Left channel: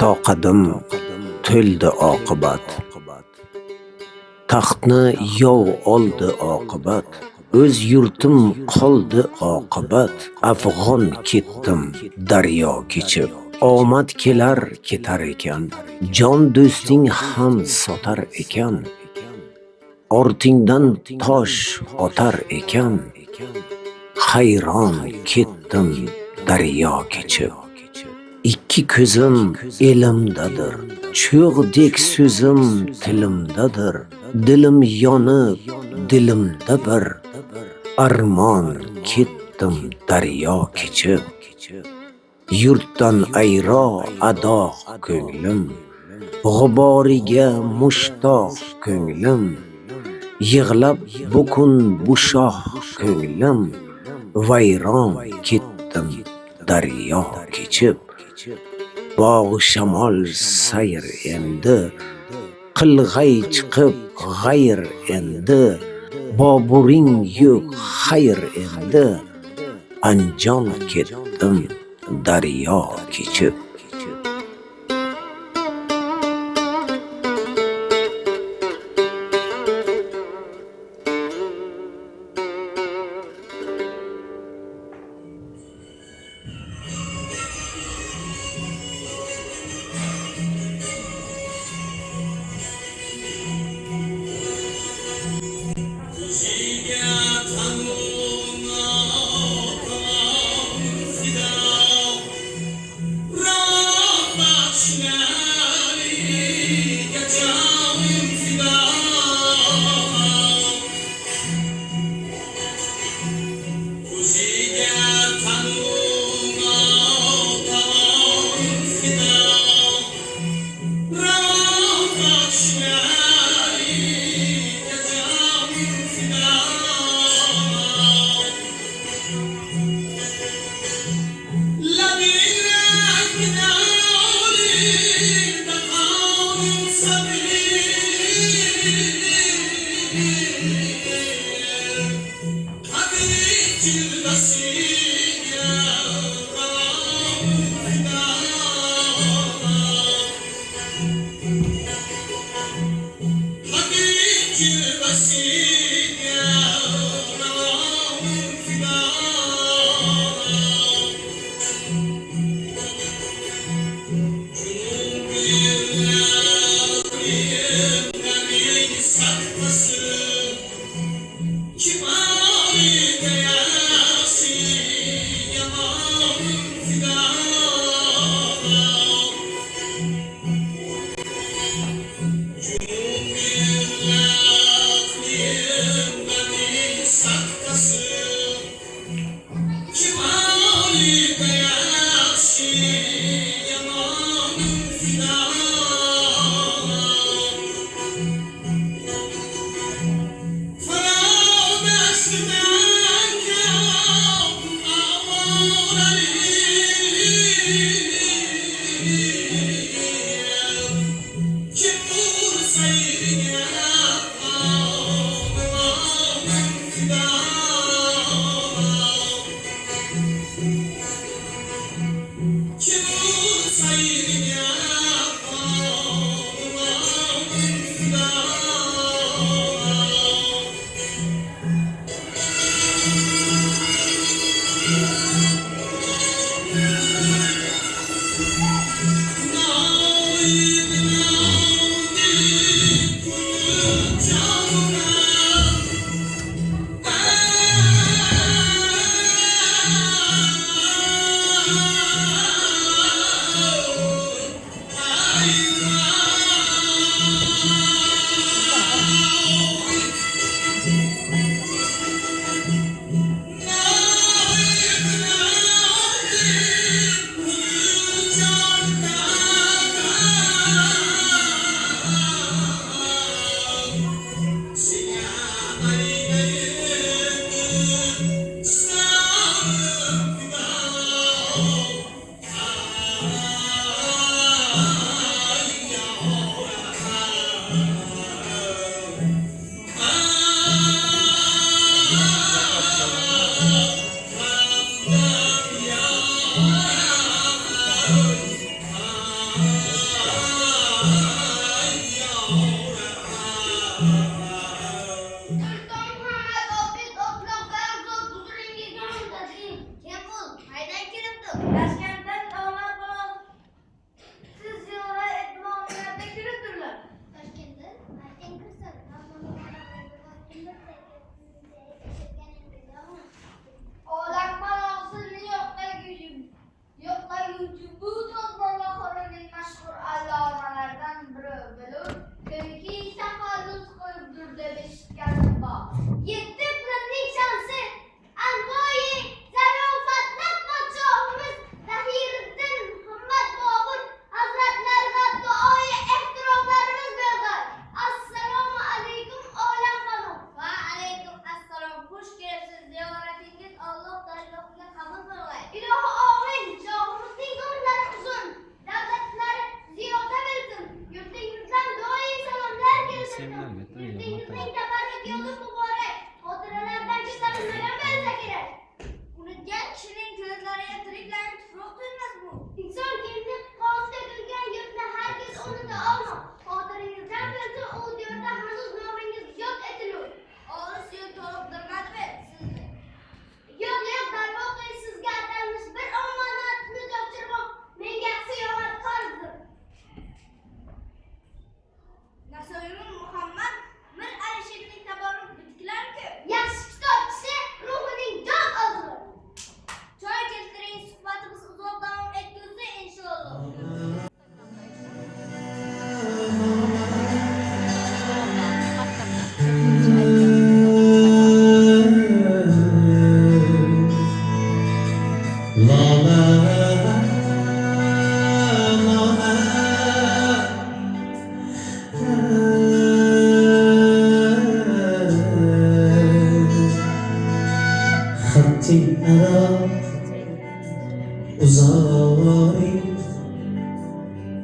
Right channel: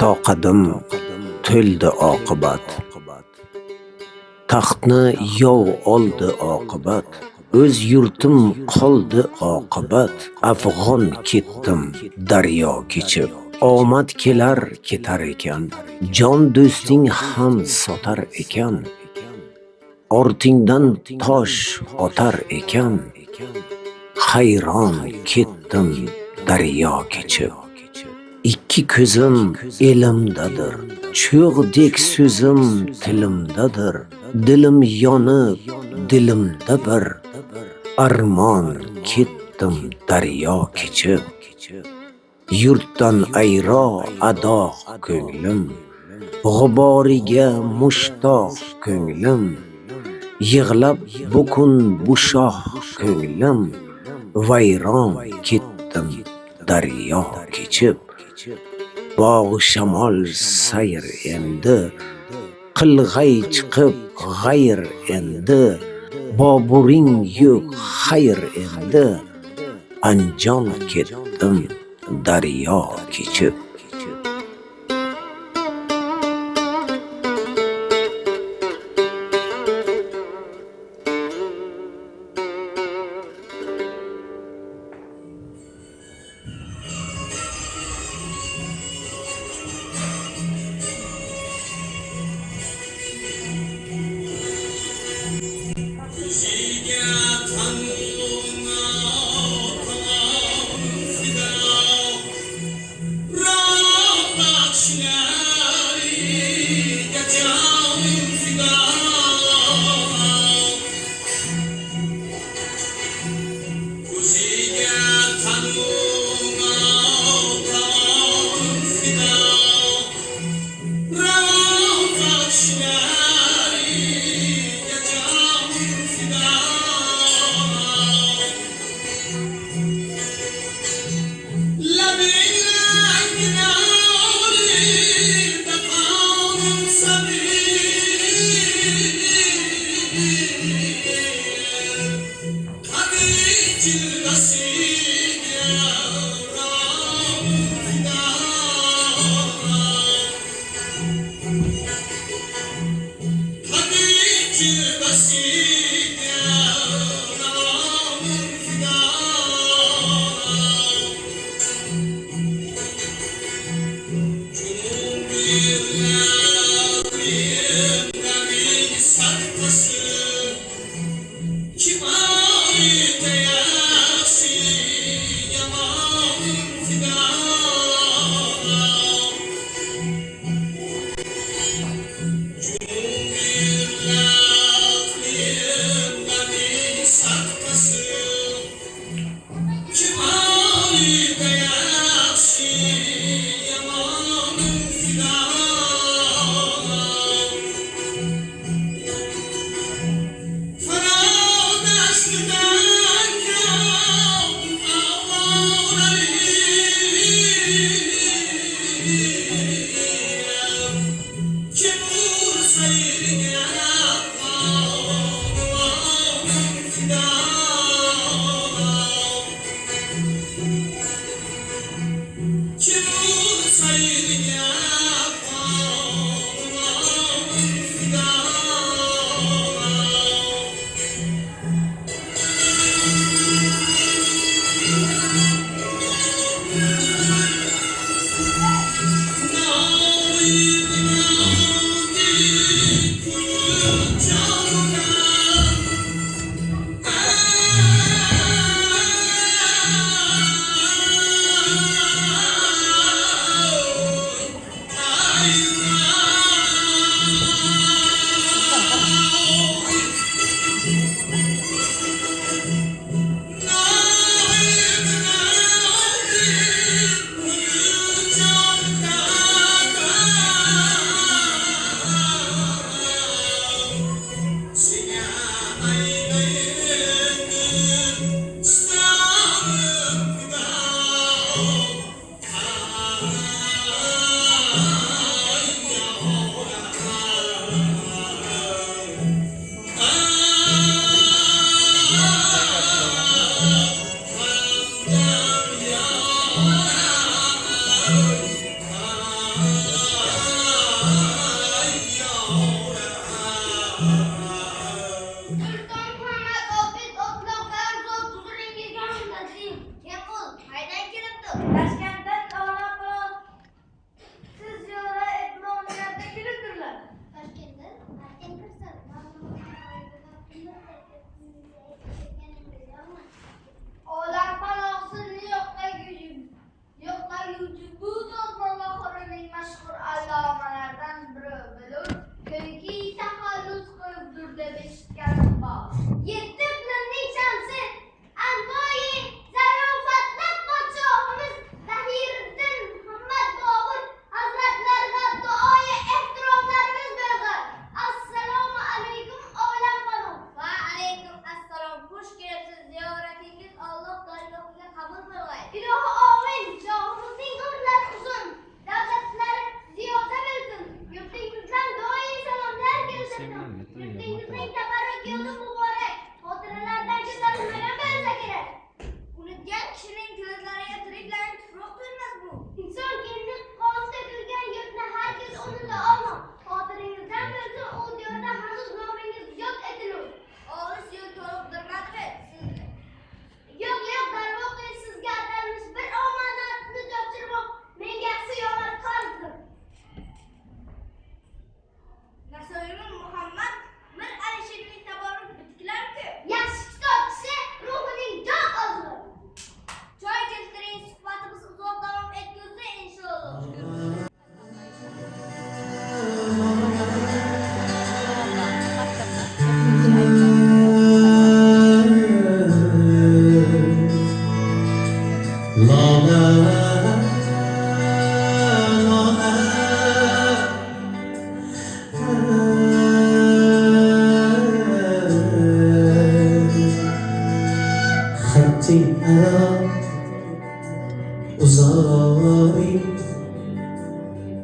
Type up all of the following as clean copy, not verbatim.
toqadim to'ldi oqibat. Taxtni yov oldi oqibat. O'z yurtim qoldi oqibat. Afg'on ketdim daryo kechib. Omad kelar ketar ekan, jon do'sting ham sotar ekan. Ortingdan tosh otar ekan, hayron ketdim daryo kechib. Ikki ko'zim elimdadir, cho'g'dek so'zim tilimdadir. Dilim yonib, dilimda bir armon ketdim daryo kechib. Yurtdan ayro adoq ko'nglim, g'uboriga mushtoq ko'nglim. Yig'lab bukun bu shoh ko'nglim, vayron ketdim daryo kechib. Bog' shamol sayr endi, qilg'ay chiqib g'ayr endi. Boburing yo'q xayr endi, anjon ketdim daryo kechib.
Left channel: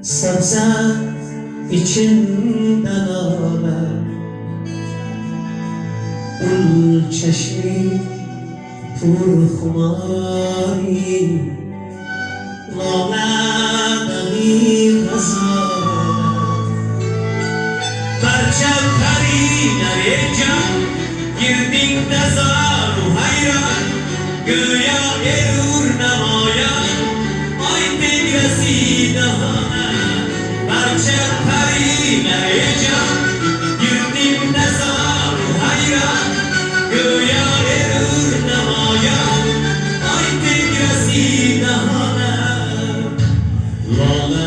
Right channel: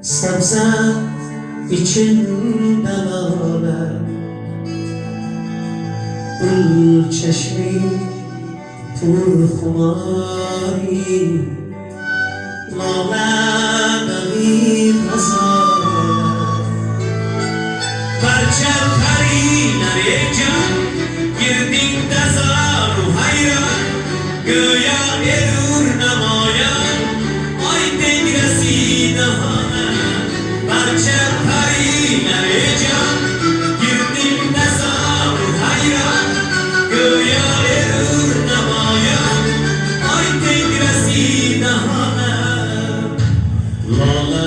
Sebze içinde lale, ul çeşmi pur khumari, lale dami gazale. Barcha parilar can girding dazar hayran, go'yo erur namoyon oy tegrasida. Barcha parilar can girding dazar hayran, go'yo erur namoyon oy tegrasida. Lola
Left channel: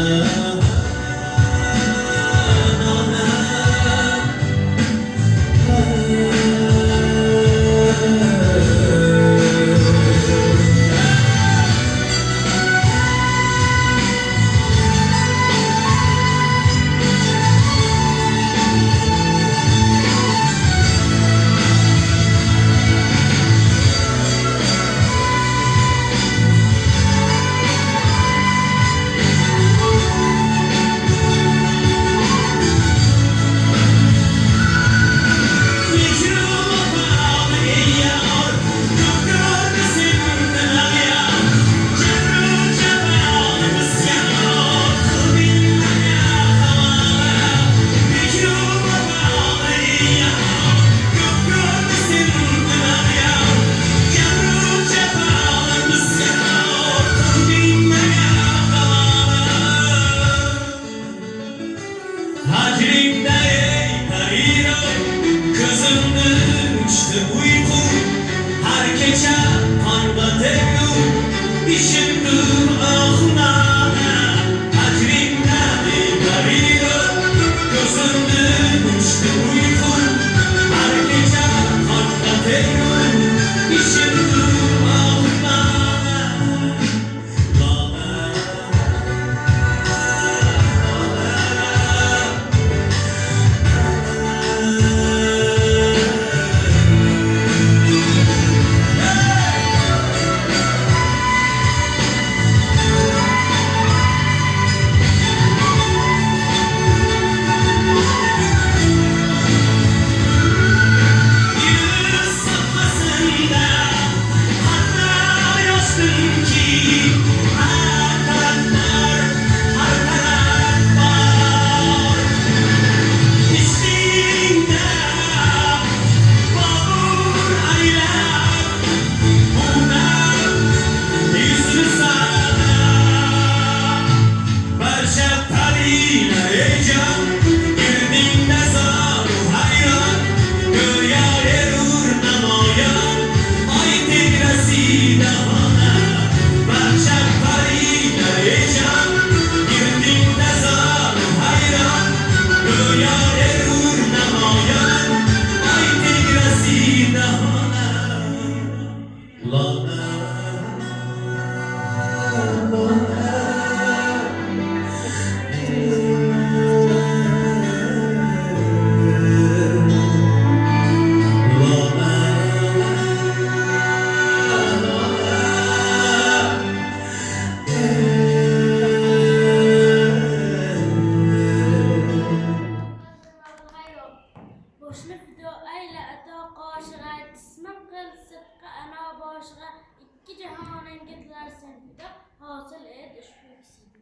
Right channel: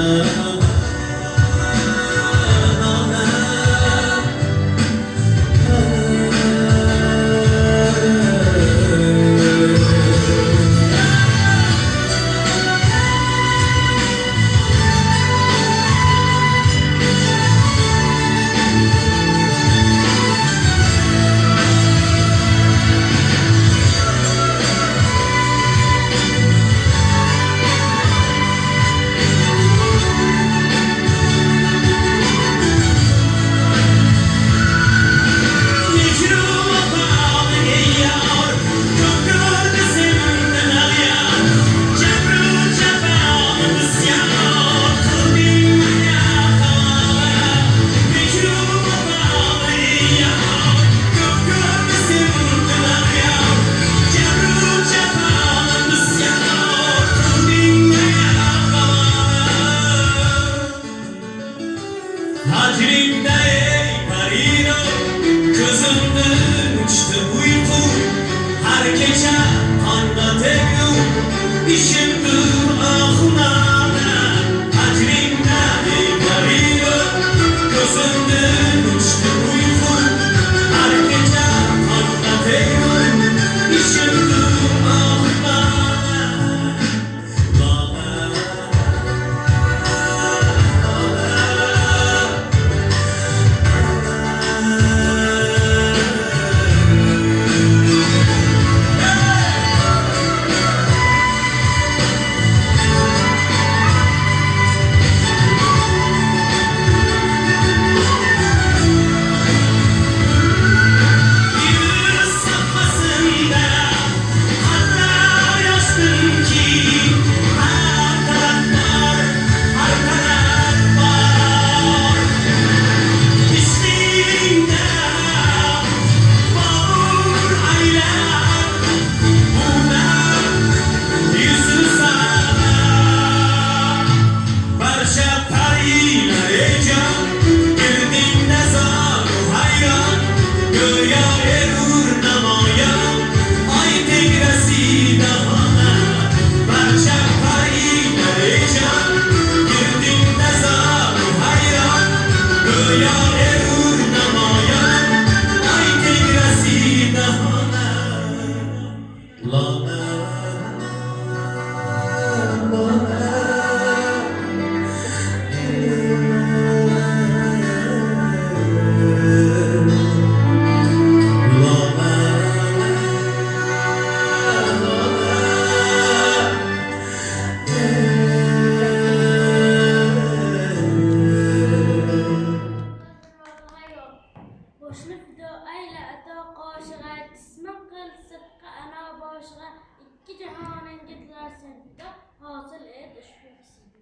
Boşlu fido ayla ato qoşiga jismim qil sidqa ana boshiga ikki jahoning gitlar sen fido hosil et ushbu kisidi.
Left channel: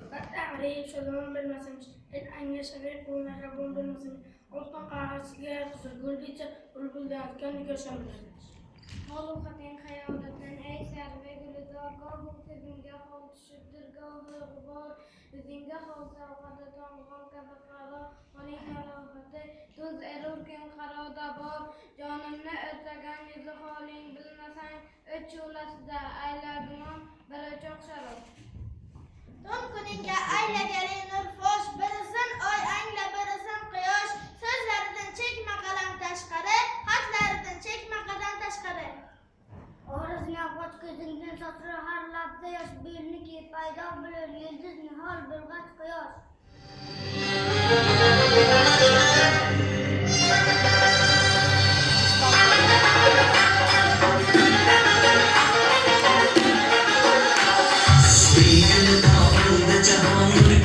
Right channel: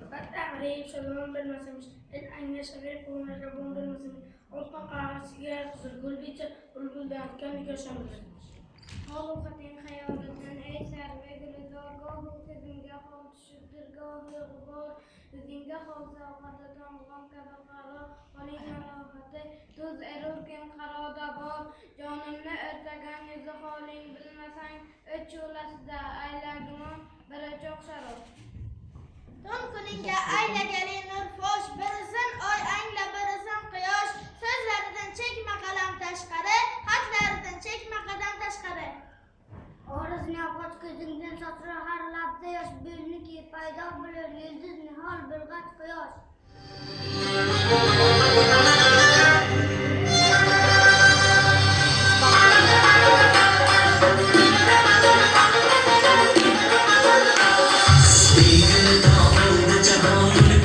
Albatta g'arib shodmon bilmasamiz, el anglash g'arib bu mehribon bilmasamiz. O'tgan qahasiga qizilgul deycha bulbuldan o'tgan nikoshamiz. Xaluqating xayolidan ey sarva gulizor gohu ko'zingga hol tushibdir gohu g'ubor yuzingga hol savqati tomg'on kabi qaro qoling halohati tuz erurkim qaroda bor jonimni o'rtagan yuzi holing bilmasang uch yo'lasida aylagumon bir o'choq sharob. Tun kuningga aylagali nur fosh, birisin oy angla birisin quyosh. So'zlaridan chekma qalam tashqari, xatlaridan chekma qadam tashqari. Orasini och ko'zingdan sochra har labda yosh belniki paydo bo'lur yulduz nihol bilg'ach quyosh. Sweet and all the joy.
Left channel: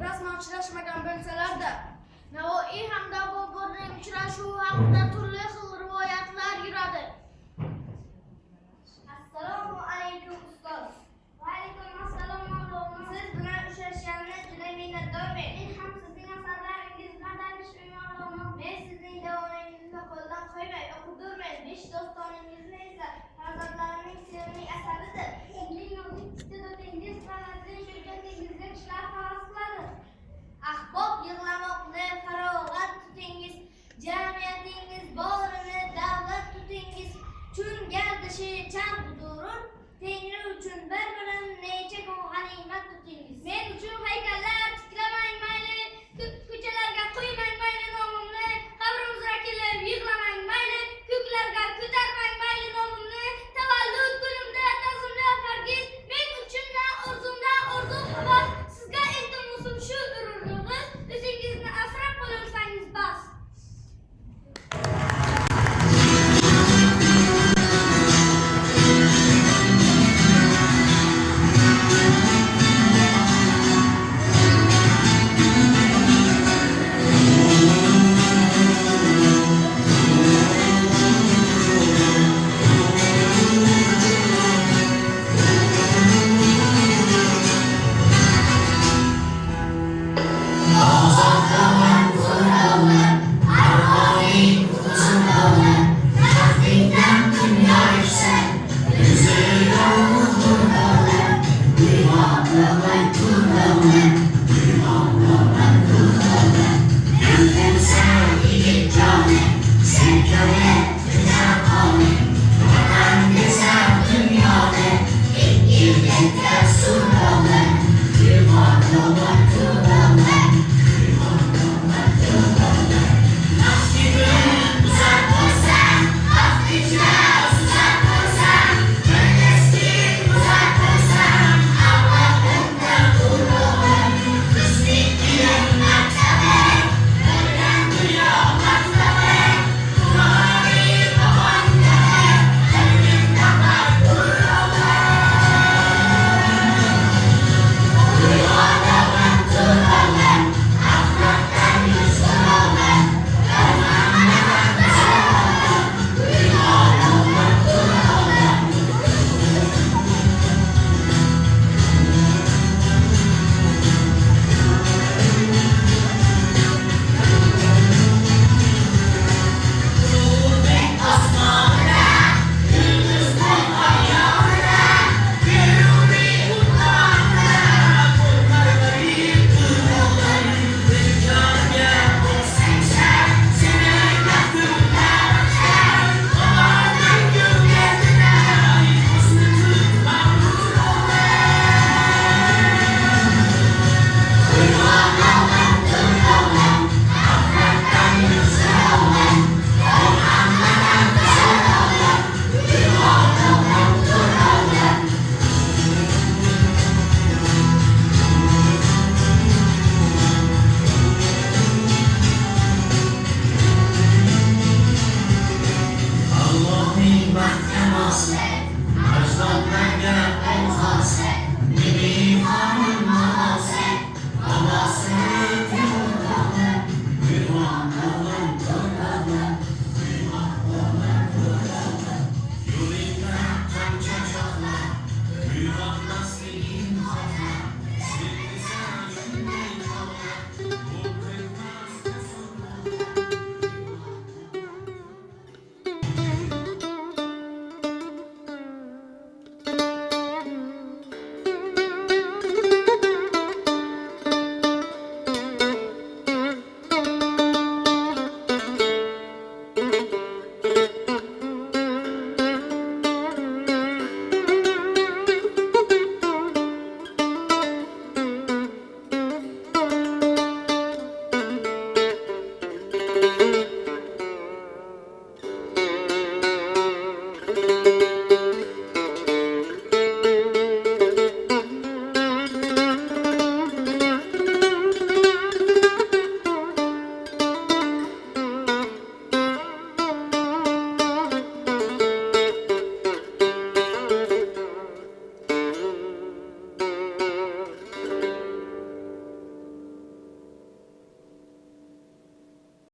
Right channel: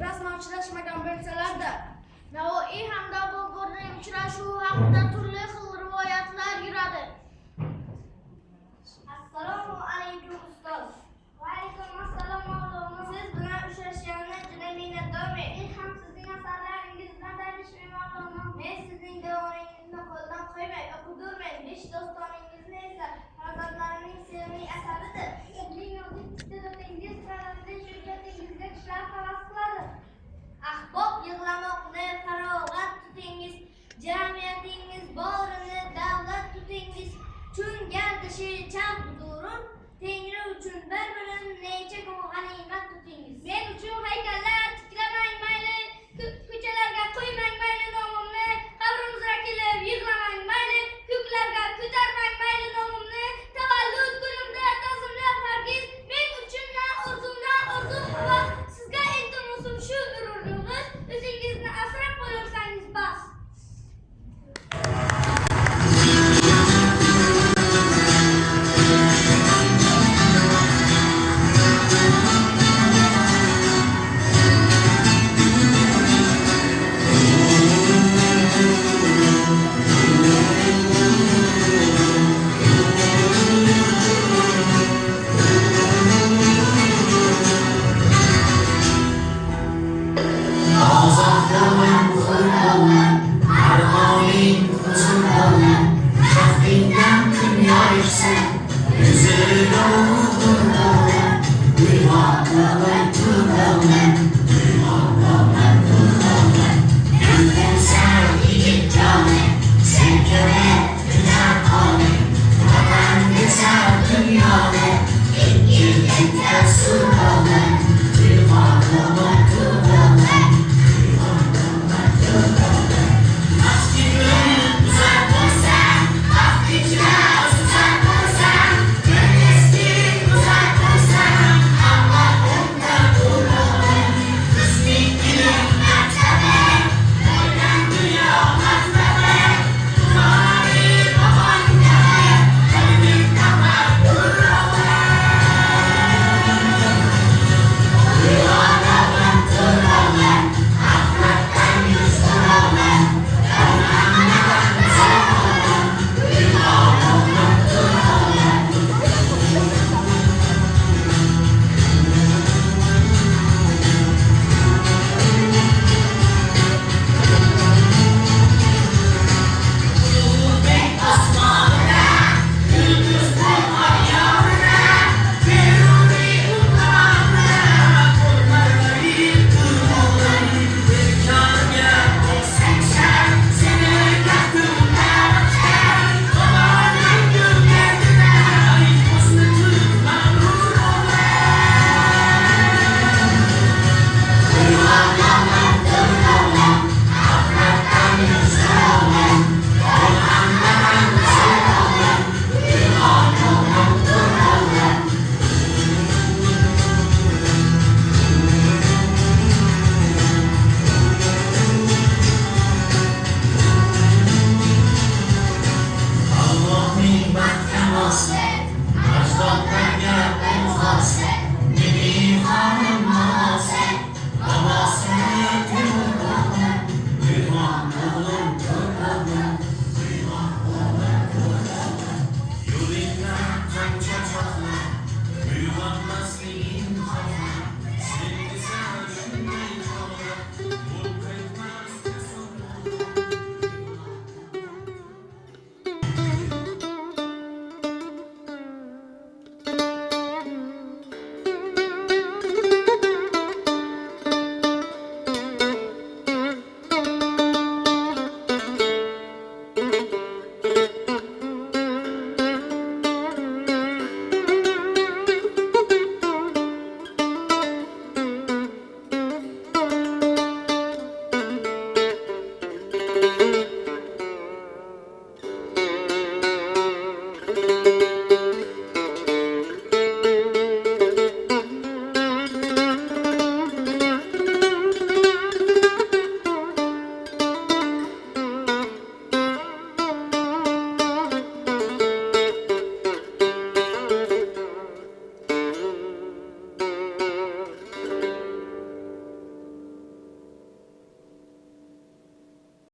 Rasman uchrashmagan bo'lsalar-da, Navoiy hamda Boburning uchrashuvi haqida turli xil rivoyatlar yuradi. Assalomu alaykum ustoz. Va alaykum assalom mavlona. Siz bilan uchrashganimdan juda minnatdorman. Men ham sizning asarlaringiz bilan tanishman mavlona. Men sizning davoningizni qo'ldan qo'ymay o'qidirman. 5 dostoningizni esa farzandlarimning sevimli asaridir. Sizning nozik iste'dodingiz san'atli shirkatingizga kishilar havas qiladi. Ahbob yig'lamoqni farog'at tutingiz, jamiyatingiz borini davlat tutingiz. Chun gardishi charx durur, tengri uchun bir bilim necha kun g'animat tutingiz. Men uchun haykallar tiklamang mayli, ko'chalarga qo'ymang mayli nomimni, qabrimizga kelib yig'lamang mayli, ko'klarga ko'tarmang mayli nomimni, tavallud kunimda tazimlab hargiz, men uchun na orzumdan orzu havas, sizga iltimosim shu urug'ingiz, o'zingizni asrab qo'yursangiz bas. Yüzünü